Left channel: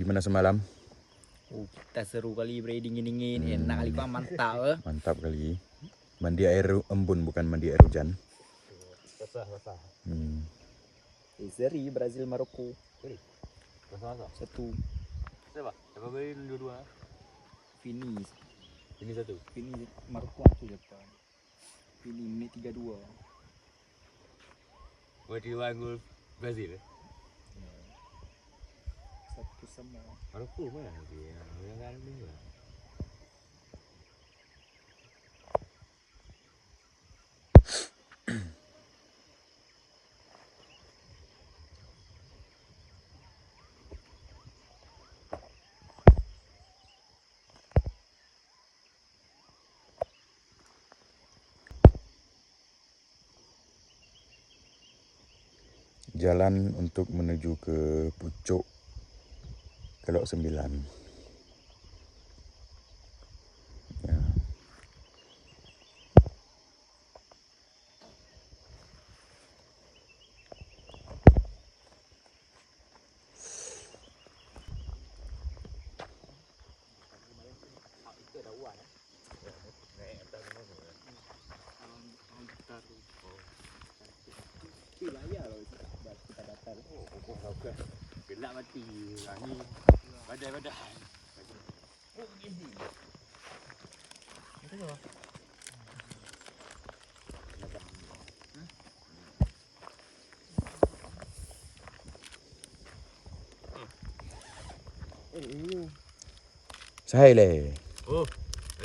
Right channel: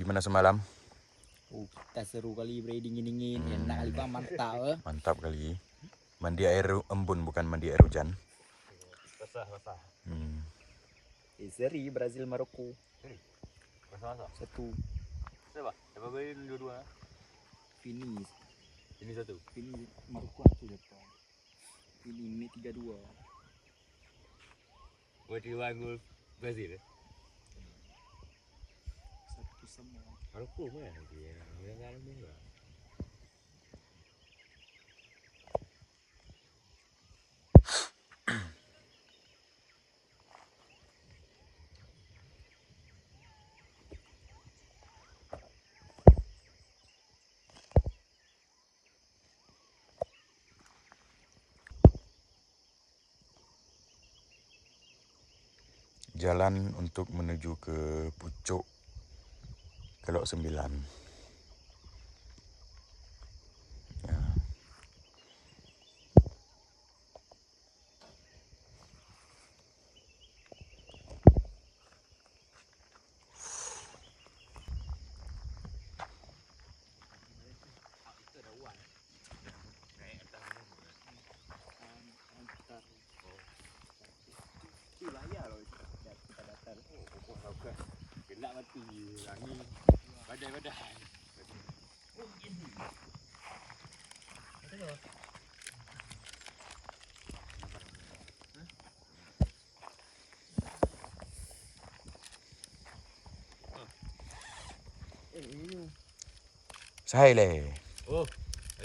Gimana semalam? Kita seru kali bre, dingin-dingin, enak kali Pak, mantap. Mantap kali. Mandi air embun bukan mandi air hujan. Basah. Seri Brazil Maroko. Seri. Basah. Satu. Siapa? Siapa beri dua-dua? Finish. Ini satu. Finish Maroko aku depan. Finish menit 32. Buat dua gol Brazil. Satu sama. Maroko mana dia? Yang dalam ni lah. Jalan untuk menuju ke pucuk Kelok 9. Ya. Wilayah loh kita datang. Gelap mati. Angin. Badai-badai. Oh ini. Sahai le. Oh,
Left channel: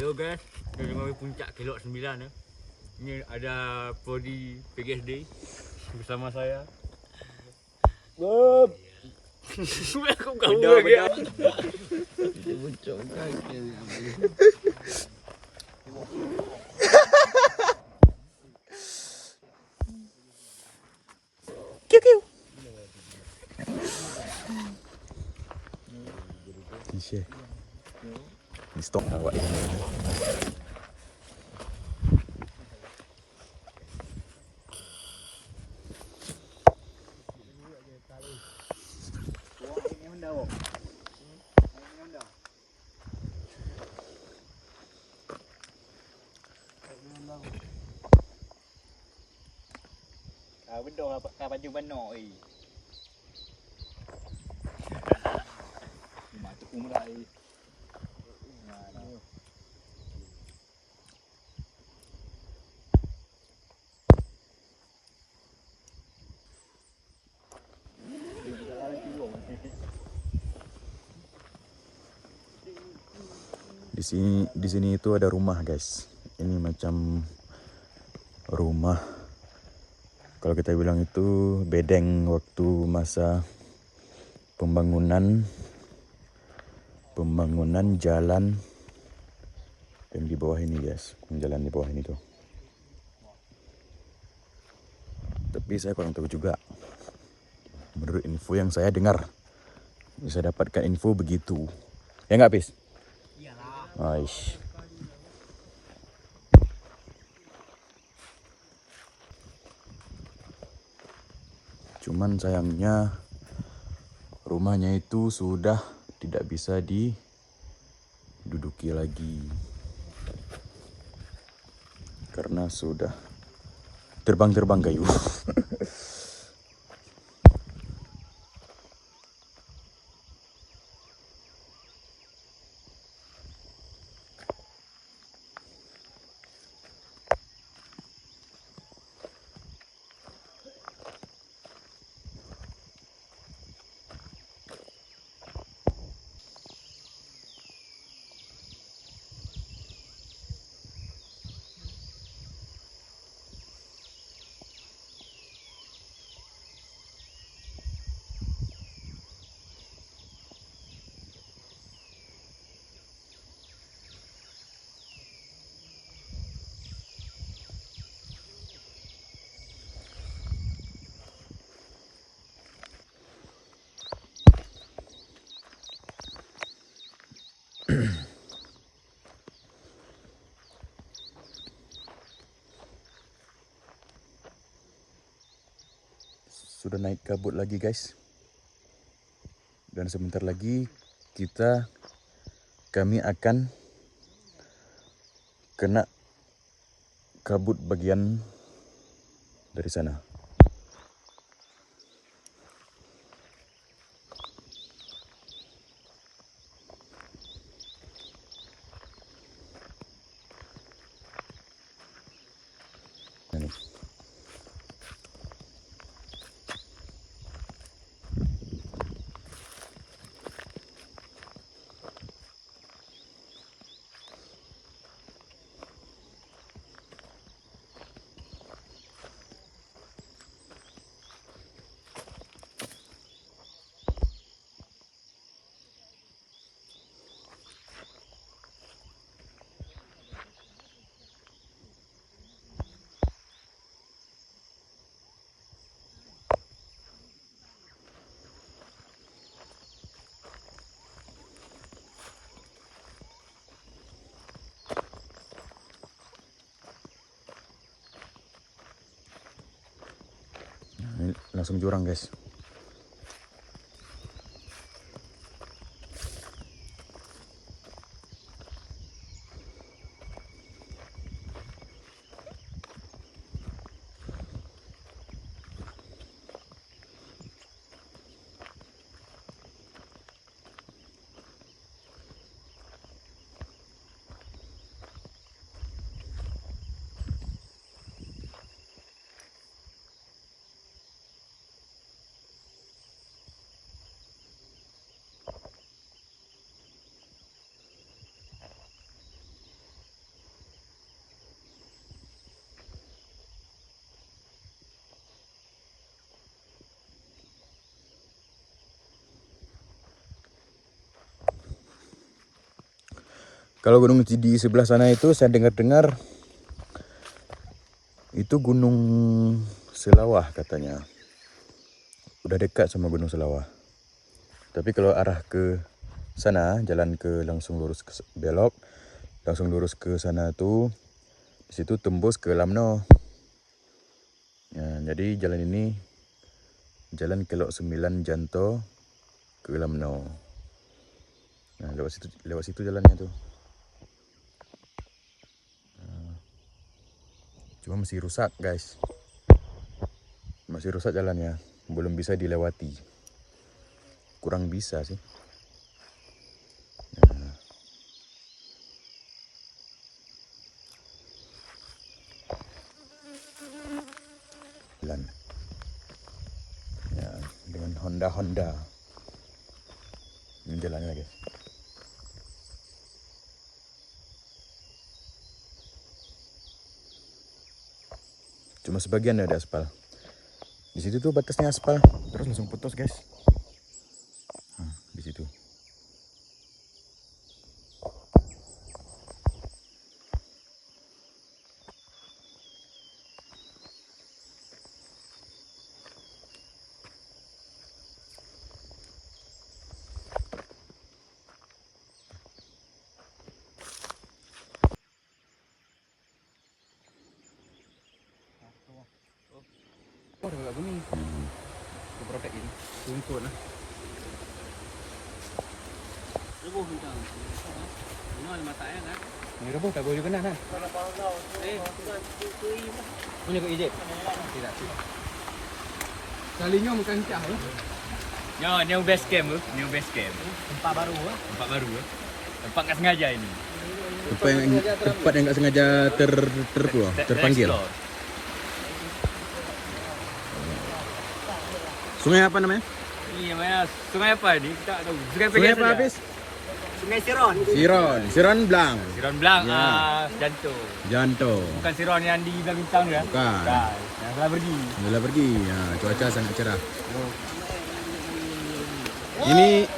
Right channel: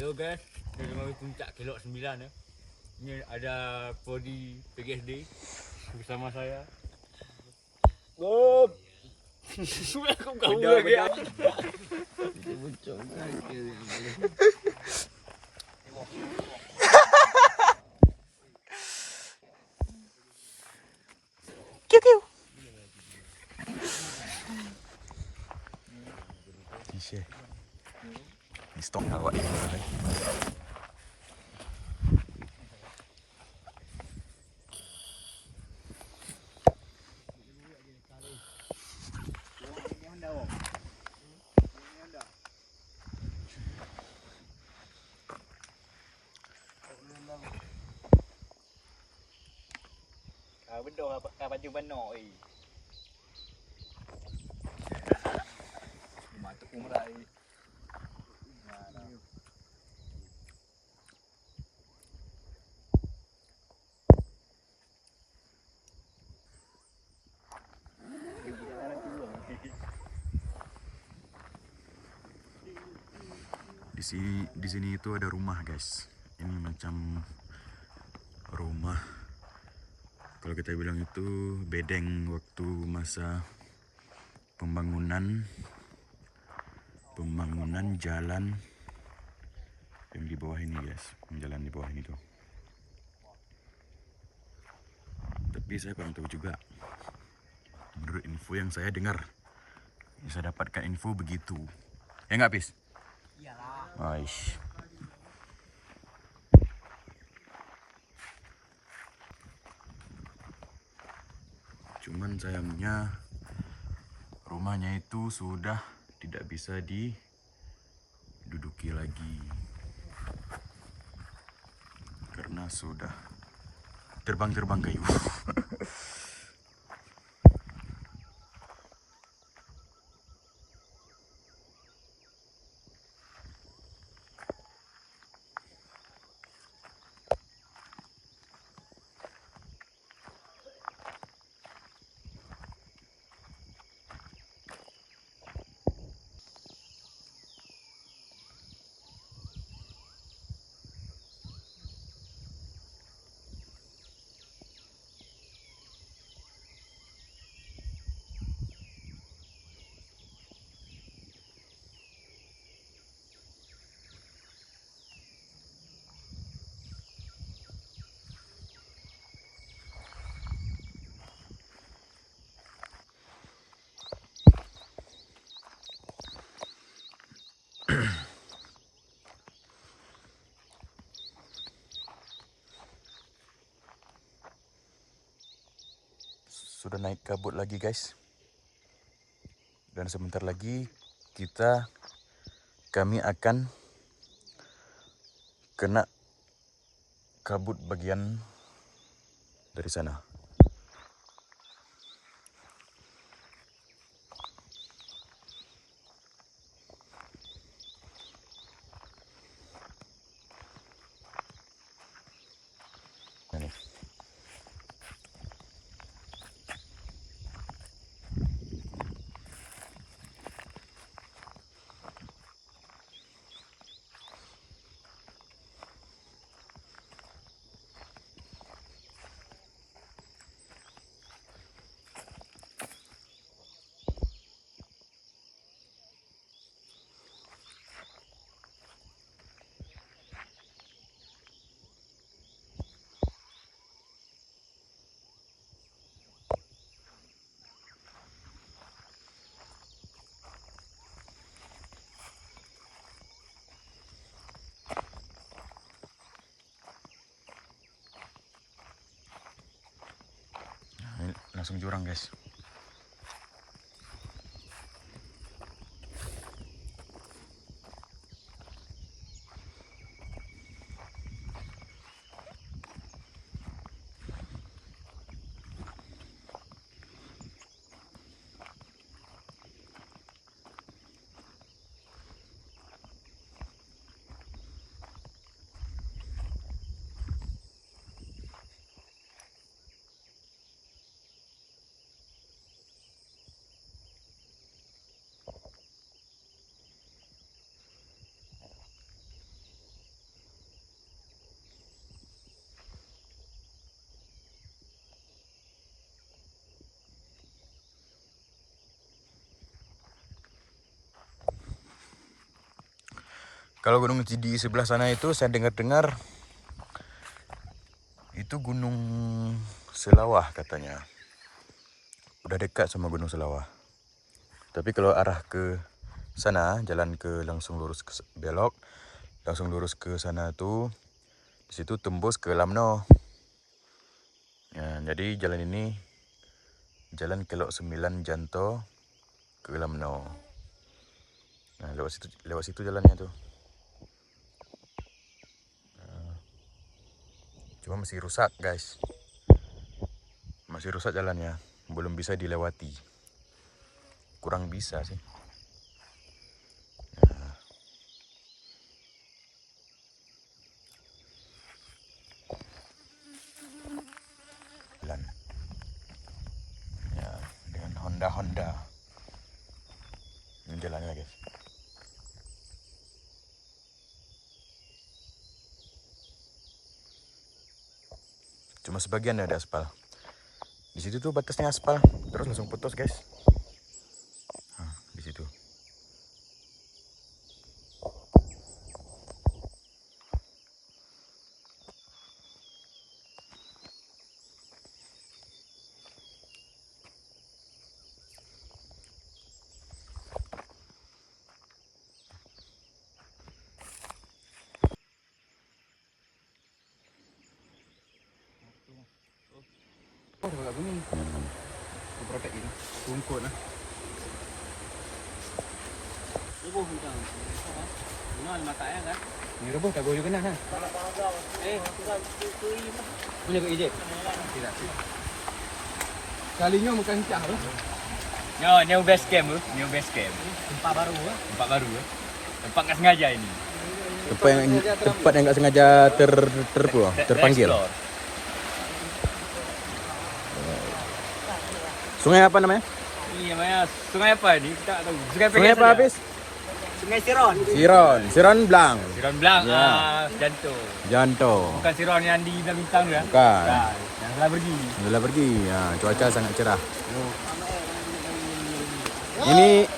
ayo guys. Kita tengok puncak Kelok 9 ya. Ini ada Podi PGSD bersama saya. Bob. Aku kau lagi. Bocor lagi. Kisah. Di stop awak ini. Bendong apa baju benok Matuk umrai. Di sini itu ada rumah, guys. Ini macam rumah. Kalau kita bilang itu bedeng waktu masa pembangunan jalan yang di bawah ini, guys. Jalan di bawah ini tuh. Tapi saya kurang tahu juga. Menurut info yang saya dengar, saya dapatkan info begitu. Ya nggak, Pis? Iyalah. Aish. Cuman sayangnya rumahnya itu sudah tidak bisa diduduki lagi. Karena sudah terbang-terbang kayu. Sudah naik kabut lagi, guys. Dan sebentar lagi kami akan kena kabut bagian dari sana. Ini. Ini langsung jurang, guys. Kalau gunung di sebelah sana itu saya dengar-dengar itu Gunung Selawah katanya. Udah dekat sama Gunung Selawah. Tapi kalau arah ke sana, jalan ke langsung lurus ke belok, langsung lurus ke sana tuh, di situ tembus ke Lamno. Ya, jadi jalan ini jalan Kelok 9 Janto ke Lamno. Nah, lewat situ jalannya tuh. Cuma masih rusak, guys. Masih rusak jalannya, belum bisa dilewati. Kurang bisa sih. Nah. Jalan. Ya, dengan Honda. Ini jalannya, guys. Cuma sebagian ada aspal. Di situ tuh batasnya aspal, terus langsung putus, guys. Nah, di situ. Oh, udah gak bunyi. Protek ini. Rumput lah. Ibu hendak. Ini matanya kan? Ini apa? Tak boleh kena kan? Ini kok ijek. Kalinya bukan cah lah. Yo, new base camp tu. New base camp. Tempat baru ah. Tempat baru ah. Tempat tak sengaja ini. Tempat yang nggak sengaja terpanggil. Sungai apa namanya? Ini namanya sungai apa ni? Kita tak tahu. Sungai apa habis? Sungai Siron. Siron Blang. Siron Blang. Ya. Janto. Bukan Siron yang di Bintang ya? Bukan. Ya, yang telah pergi. Sudah pergi. Ya, cuaca sangat cerah.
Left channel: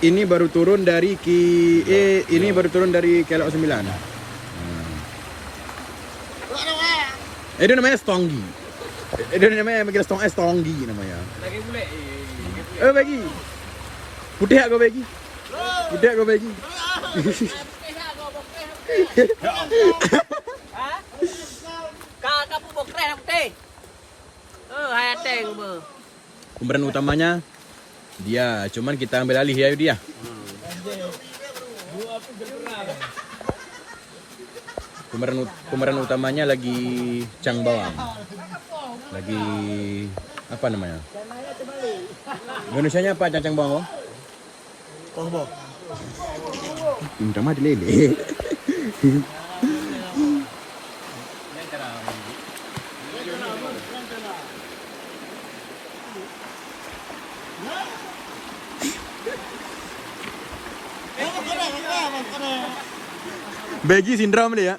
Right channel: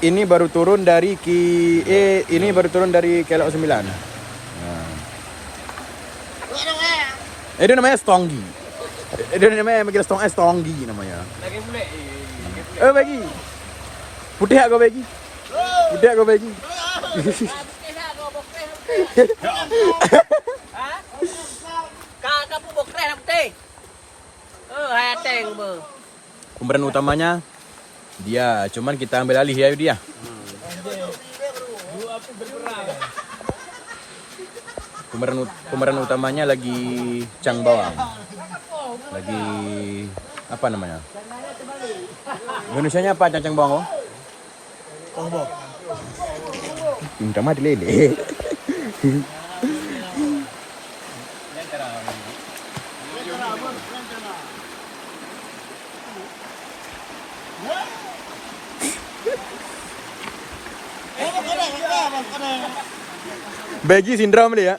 Ini baru turun dari ini baru turun dari Kelok 9. Ya. Itu namanya Stonggi. Itu namanya Stonggi namanya. Lagi boleh. Bagi. Putih aku bagi. Putih aku bagi. Kakak pun bokeh putih. Hai ateng be. Pemeran utamanya Dia, cuman kita ambil alih ya dia. Pemeran utamanya lagi Cang Bawang. Lagi apa namanya? Indonesianya apa Cang Bawang? Bawang. Minta mah dilede. Bagi sindrom dia.